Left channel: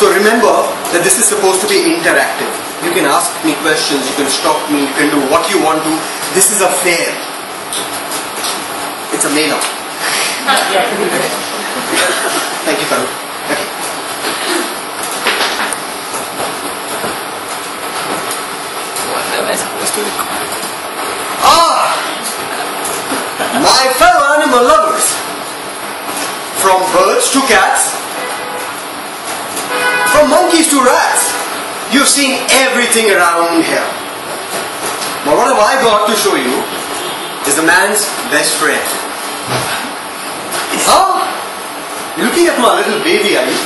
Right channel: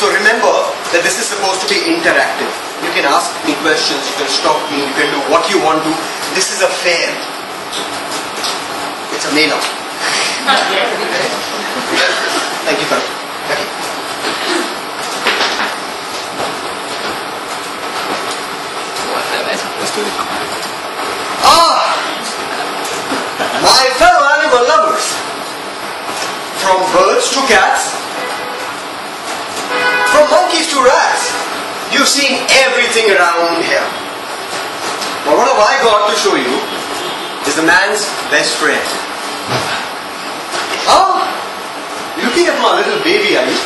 So remember that this is supposed to be interactive. You can ask me questions, you can stop me, you can do what you want to. This is a fair. It's a mail-out. Thank you, Karan. Okay. My fellow animal lovers, from birds to cats, from monkeys to rats, you've seen everything around here. But what have I got to show you is the man's best friend. Oh, you're looking at my little baby, are you?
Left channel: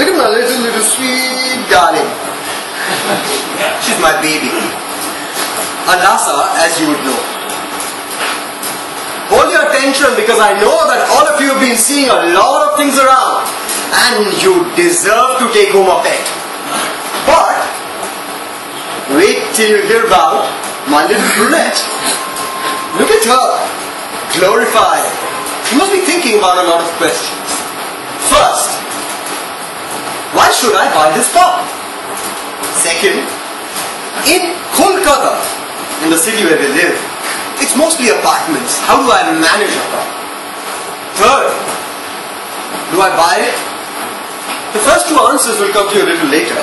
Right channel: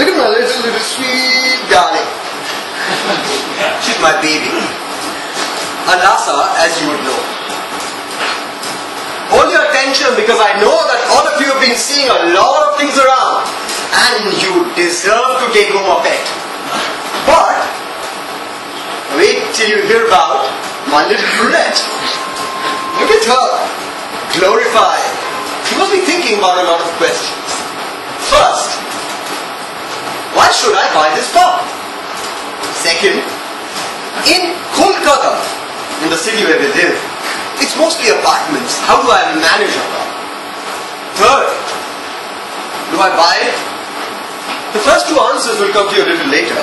Look at my little sweet darling. She's my baby. Alasa, as you would know. Hold your attention because I know that all of you have been seeing a lot of things around and you deserve to take home a pet. But wait till you hear about my little brunette. Look at her. Glorified. You must be thinking about a lot of questions. First, why should I buy this pup? Second, in Kolkata, in the city where we live, it's mostly apartments. How do I manage a pup? Third, do I buy it? The first two answers will come to you a little later.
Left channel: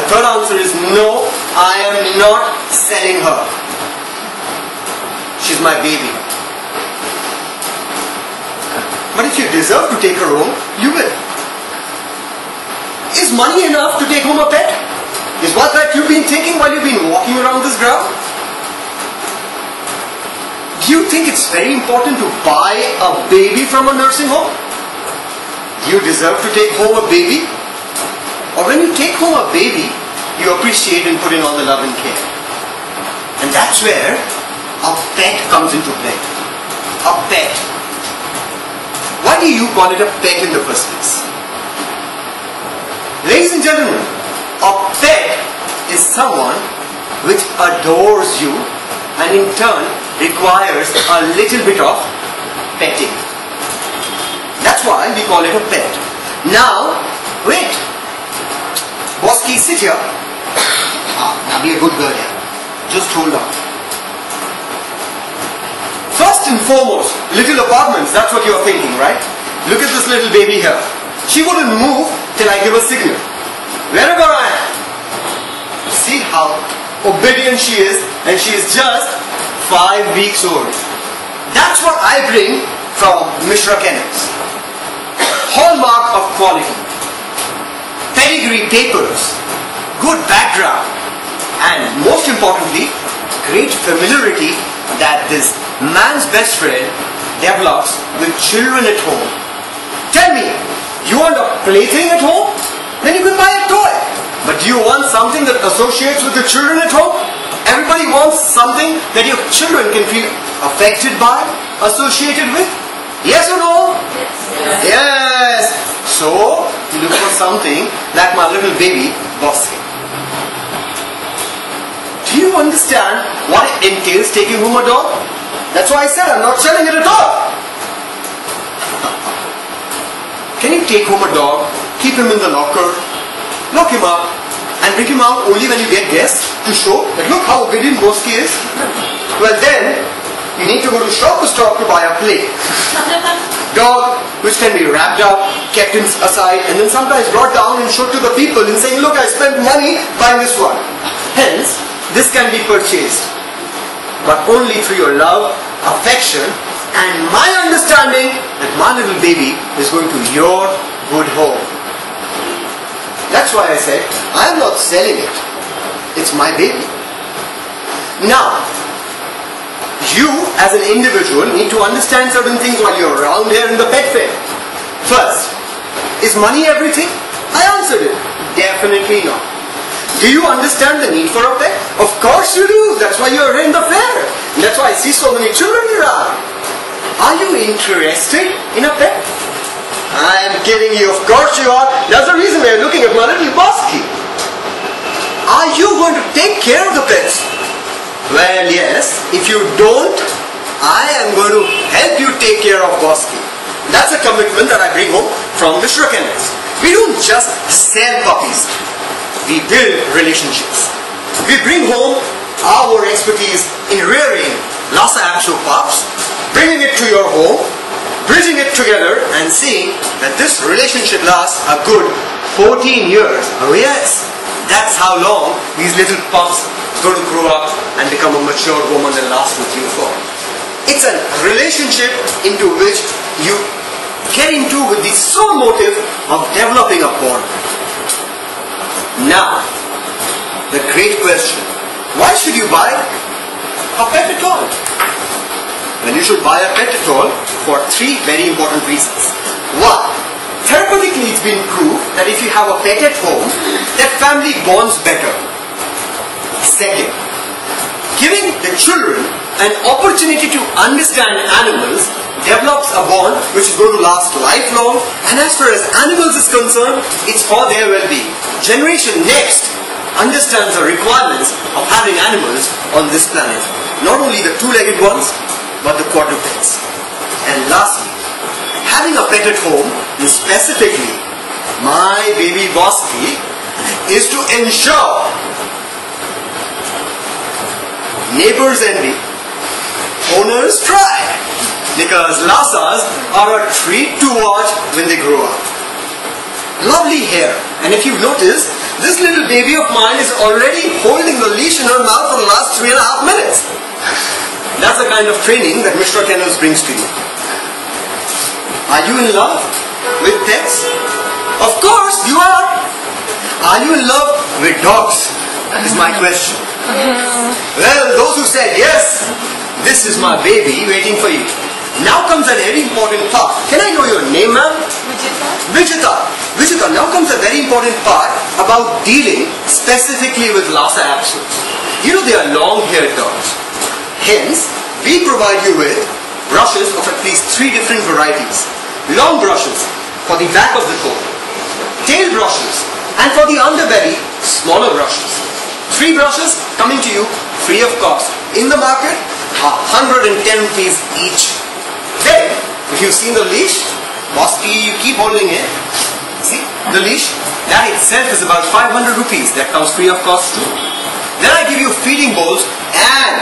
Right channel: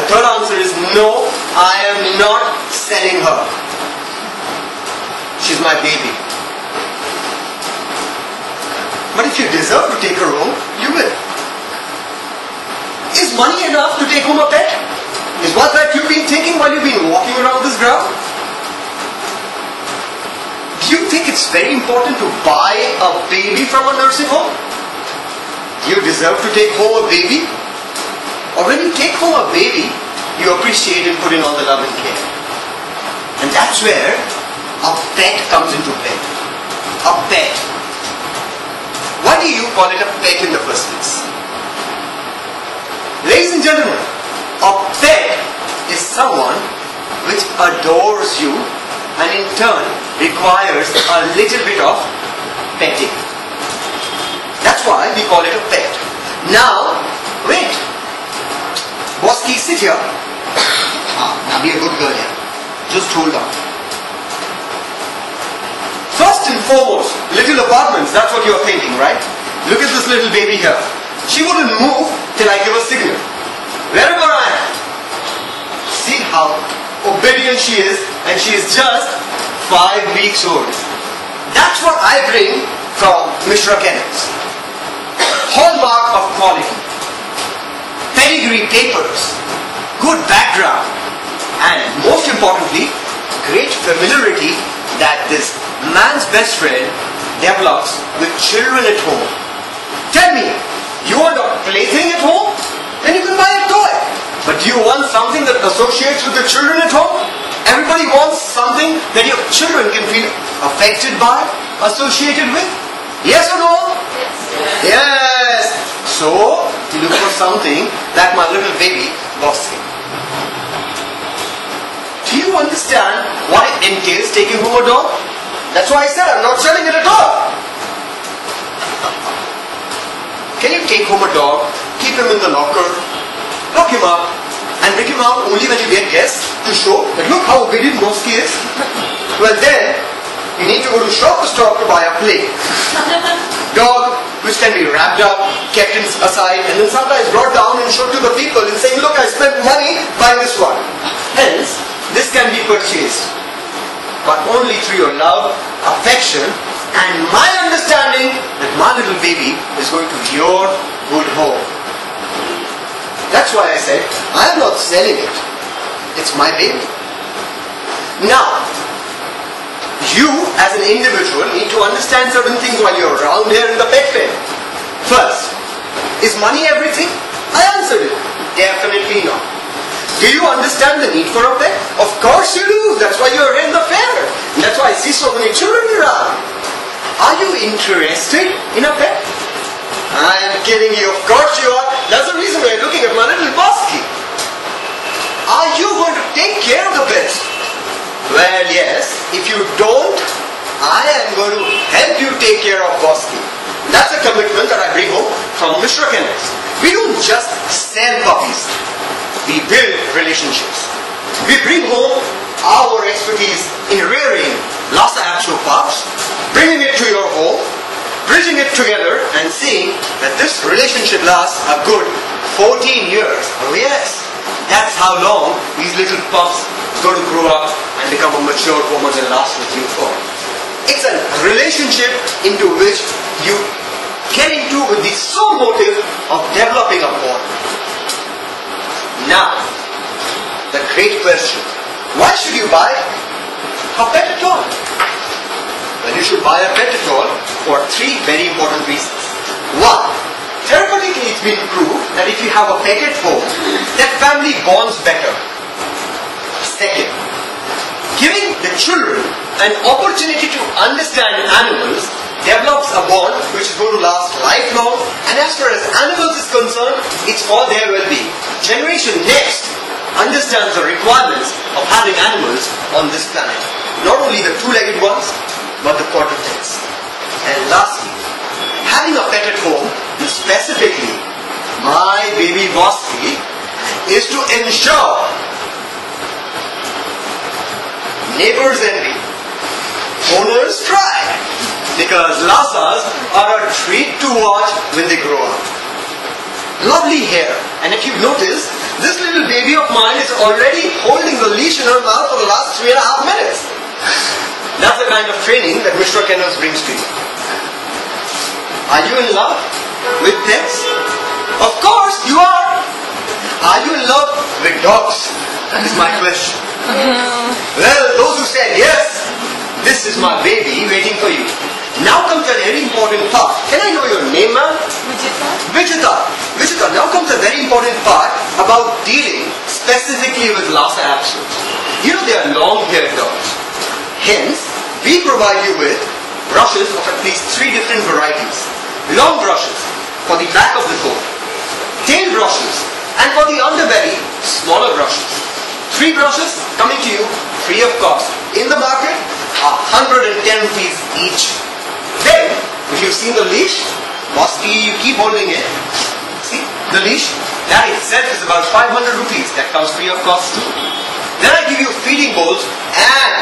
The third answer is no, I am not selling her. She's my baby. But if you deserve to take her home, you will. Is money enough to take home a pet? Is what that you've been thinking while you've been walking around this ground? Do you think it's very important to buy a baby from a nursing home? Do you deserve to take home a baby? Or when you take home a baby, you appreciate and put in all the love and care. And that's where a pet comes into play. A pet. Why do you call it a pet in the first place? Ladies and gentlemen, a pet is someone which adores you and in turn requires a little bit of petting. That's why we call it a pet. Now, wait. Bosky, sit here. Now be a good girl here. Just hold on. First and foremost, little apartments, that's what you're thinking, right? Look at this little baby here. She wouldn't move till I give a signal. Wherever I am. See how obedient she is, and she is just 5 weeks old. That's what I bring from Mishra Kennels. Hallmark of quality. Pedigree papers. Good background. And most importantly, great familiarity that this man's best friend develops with children at home. Tell me, you want a plaything at home? Then you can buy a toy. But do you want something that associates with the children at home? Everybody wants something that your children can feel affected by, associated with. Yes or no? Yes. So, look for something like my little baby, Bossy. Do you understand what it entails taking home a dog? That's why I said I'm not selling it at all. Can you take home a dog, keep him in the locker, lock him up, and bring him out only when you get guests to show that look how obedient Bosky is? Well then, you need to go to shop to stop to buy a play. Dog which can be wrapped up, kept aside, and then sometimes brought down and showed to the people and saying, look, I spent money buying this one. Hence, this can be purchased, but only through your love, affection, and my understanding that my little baby is going to your good home. That's why I said, I am not selling it. It's my baby. Now, you as an individual need to understand certain things while you're around here in the pet fair. First, is money everything? I answered it. Definitely not. Do you understand the need for a pet? Of course you do. That's why you're in the fair. And that's why I see so many children around. Are you interested in a pet? I am kidding you. Of course you are. That's the reason you're looking at my little Bosky. Are you going to take care of the pets? Well, yes. If you don't, I am going to help you take care of Bosky. That's a commitment that I bring home from Mishra Kennels. We don't just sell puppies. We build relationships. We bring home our expertise in rearing Lhasa Apso pups, bringing it to your home, bridging it together and seeing that this relationship lasts a good 14 years. Oh yes, that's how long these little pups are going to grow up and become a mature woman and last with you for. It's a relationship into which you get into with the sole motive of developing a bond. Now, the great question, why should you buy a pet at all? Well, you should buy a pet at all for 3 very important reasons. 1, therapeutically it's been proved that if you have a pet at home, that family bonds better. 2, giving the children an opportunity to understand animals develops a bond which is going to last lifelong, and as far as animals is concerned, it's for their well-being. Generation next understands the requirements of having animals on this planet. Not only the 2-legged ones, but the quadrupeds. And lastly, having a pet at home, and specifically my baby Bosky, is to ensure neighbors envy, owners try, because Lhasas are a treat to watch when they grow up. Lovely hair, and if you've noticed, this little baby of mine is already holding the leash in her mouth for the last 3.5 minutes. That's the kind of training that Mishra Kennels brings to you. Are you in love with pets? Of course you are. Are you in love with dogs? That is my question. Well, those who said yes, this is my baby waiting for you. Now comes a very important part. Can I know your name, ma'am? Vijita. Vijita, now comes a very important part about dealing specifically with Lhasa Apsos. You know they are long-haired dogs. Hence, we provide you with brushes of at least 3 different varieties. Long brushes for the back of the coat, tail brushes, and for the underbelly, smaller brushes. 3 brushes coming to you free of cost. In the market, 110 rupees each. Then, if you've seen the leash, Bosky, you keep holding it. See, the leash, that itself is about 500 rupees. That comes free of cost too. Then I give you feeding bowls, and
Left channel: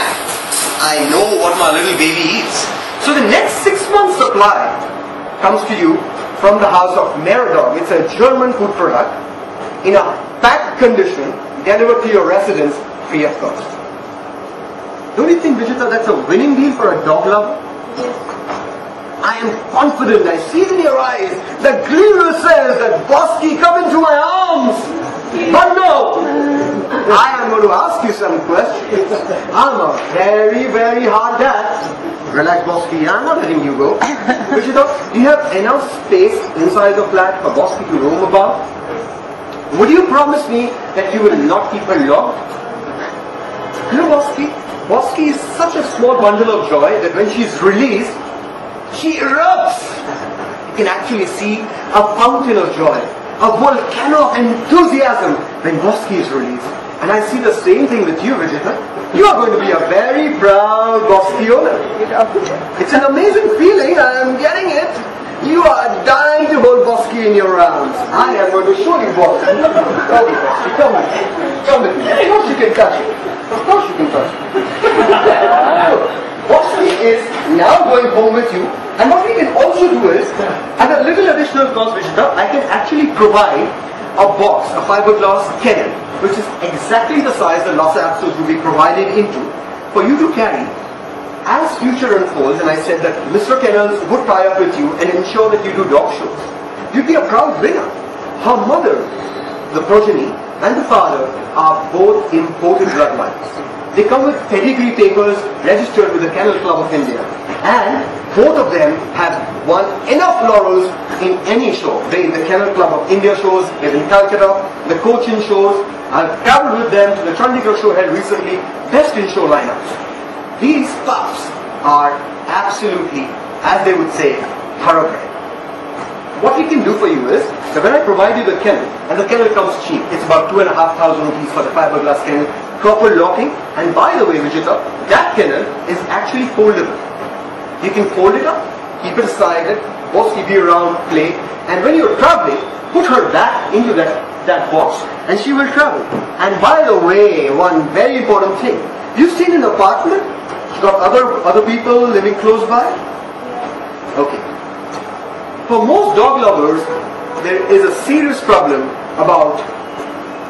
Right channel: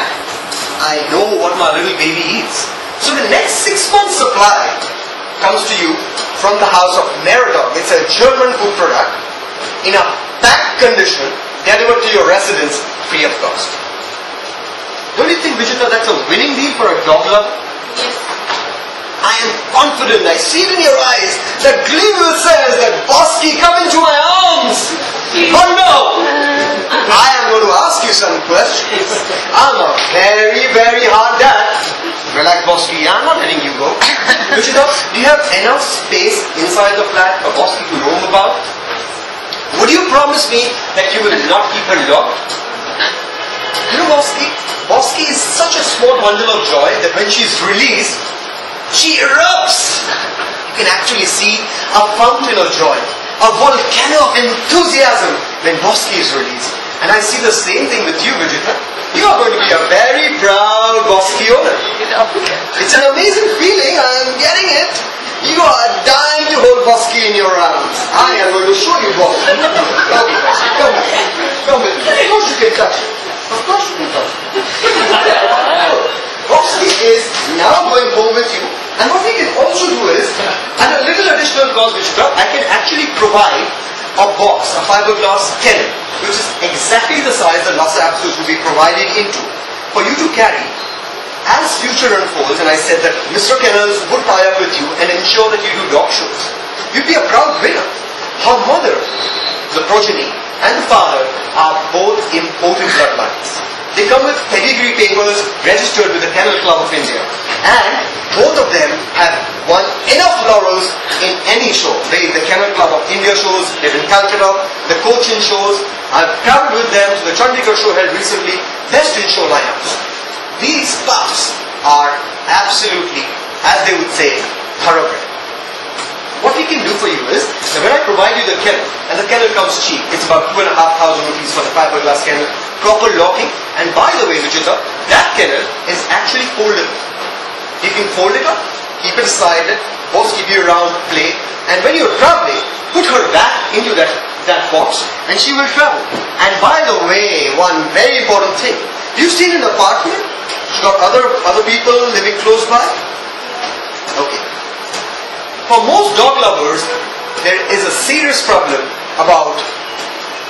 I know what my little baby eats. So the next 6 months supply comes to you from the house of Merodog. It's a German food product in a packed condition, delivered to your residence free of cost. Don't you think, Vijita, that's a winning deal for a dog lover? Yes. I am confident, I see it in your eyes, that Gleeville says that Bosky, come into my arms. But no, I am going to ask you some questions. I'm a very, very hard dad. Relax, Bosky, I'm not letting you go. Vijita, do you have enough space inside the flat for Bosky to roam about? Would you promise me that you will not keep her locked? You know, Bosky is such a small bundle of joy that when she is released, she erupts. You can actually see a fountain of joy, a volcano of enthusiasm when Bosky is released. And I see the same thing with you, Vijita. You are going to be a very proud Bosky owner. It's an amazing feeling, I'm getting it. You are dying to hold Bosky in your arms. I am going to show you Bosky. Okay, Bosky, come with me. Come with me. Of course you can touch it. Of course you can touch it. Bosky is now going home with you. And what we can also do is, at a little additional cost, Vijita, I can actually provide a box, a fiberglass kennel, which is exactly the size that Lhasa Apsos will be provided into, for you to carry. As future unfolds, and I said that Mr. Kennels would tie up with you and ensure that you do dog shows, you'd be a proud winner. Her mother, the progeny, and the father are both imported bloodlines. They come with pedigree papers registered with the Kennel Club of India. And both of them have won enough laurels in any show. The Kennel Club of India shows, they're in Calcutta, the Cochin shows. I've traveled with them to the Chandigarh show held recently, best in show lineups. These pups are absolutely, as they would say, thoroughbred. What we can do for you is, that when I provide you the kennel, and the kennel comes cheap, it's about 2,500 rupees for the fiberglass kennel, proper locking, and by the way, Vijita, that kennel is actually foldable. You can fold it up, keep it aside, Bosky be around, play, And when you're traveling, put her back into that box and she will travel. And by the way, one very important thing. You stay in an apartment? You got other people living close by? Okay. For most dog lovers, there is a serious problem about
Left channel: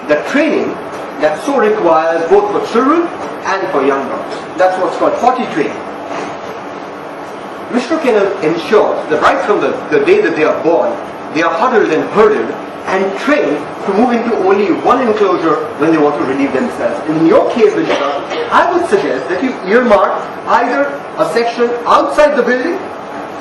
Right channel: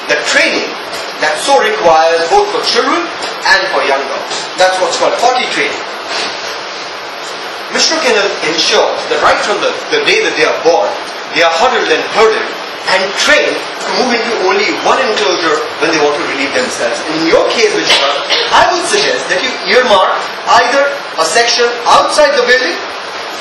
the training that so requires both for children and for young dogs. That's what's called potty training. Mishra Kennel ensures that right from the day that they are born, they are huddled and herded and trained to move into only one enclosure when they want to relieve themselves. And in your case, Mishra, I would suggest that you earmark either a section outside the building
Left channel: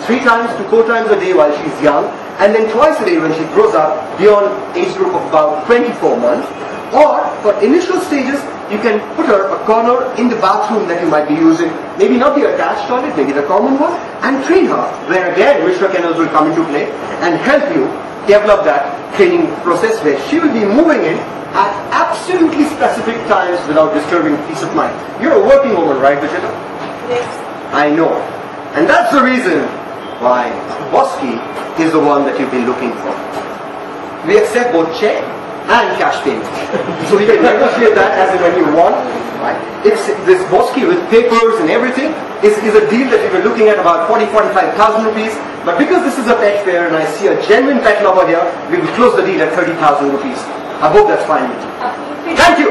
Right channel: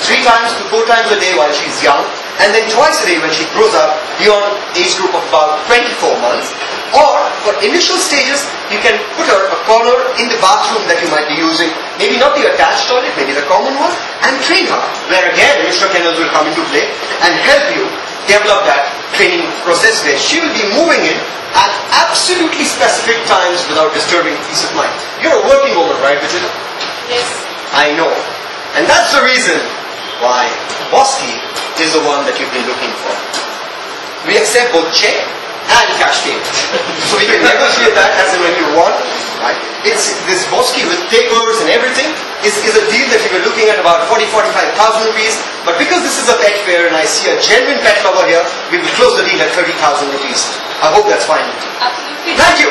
3 times to 4 times a day while she's young, and then twice a day when she grows up beyond age group of about 24 months. Or for initial stages, you can put her a corner in the bathroom that you might be using, maybe not the attached toilet, maybe the common one, and train her, where again Mishra Kennels will come into play and help you develop that training process where she will be moving in at absolutely specific times without disturbing peace of mind. You're a working woman, right, Vijay? Yes. I know. And that's the reason why Bosky is the one that you've been looking for. We accept both check and cash payment. So we can negotiate that as and when you want. Right. It's this Bosky with papers and everything is a deal that we were looking at about 40,000-45,000 rupees. But because this is a pet fair and I see a genuine pet lover here, we will close the deal at 30,000 rupees. I hope that's fine with you. Absolutely. Thank you.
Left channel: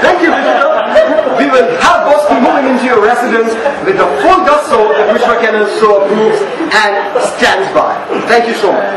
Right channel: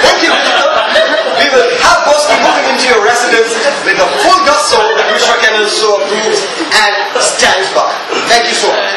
Thank you, Vijay. We will have Bosky moving into your residence with the full gusto that Mishra Kennel so approves and stands by. Thank you so much.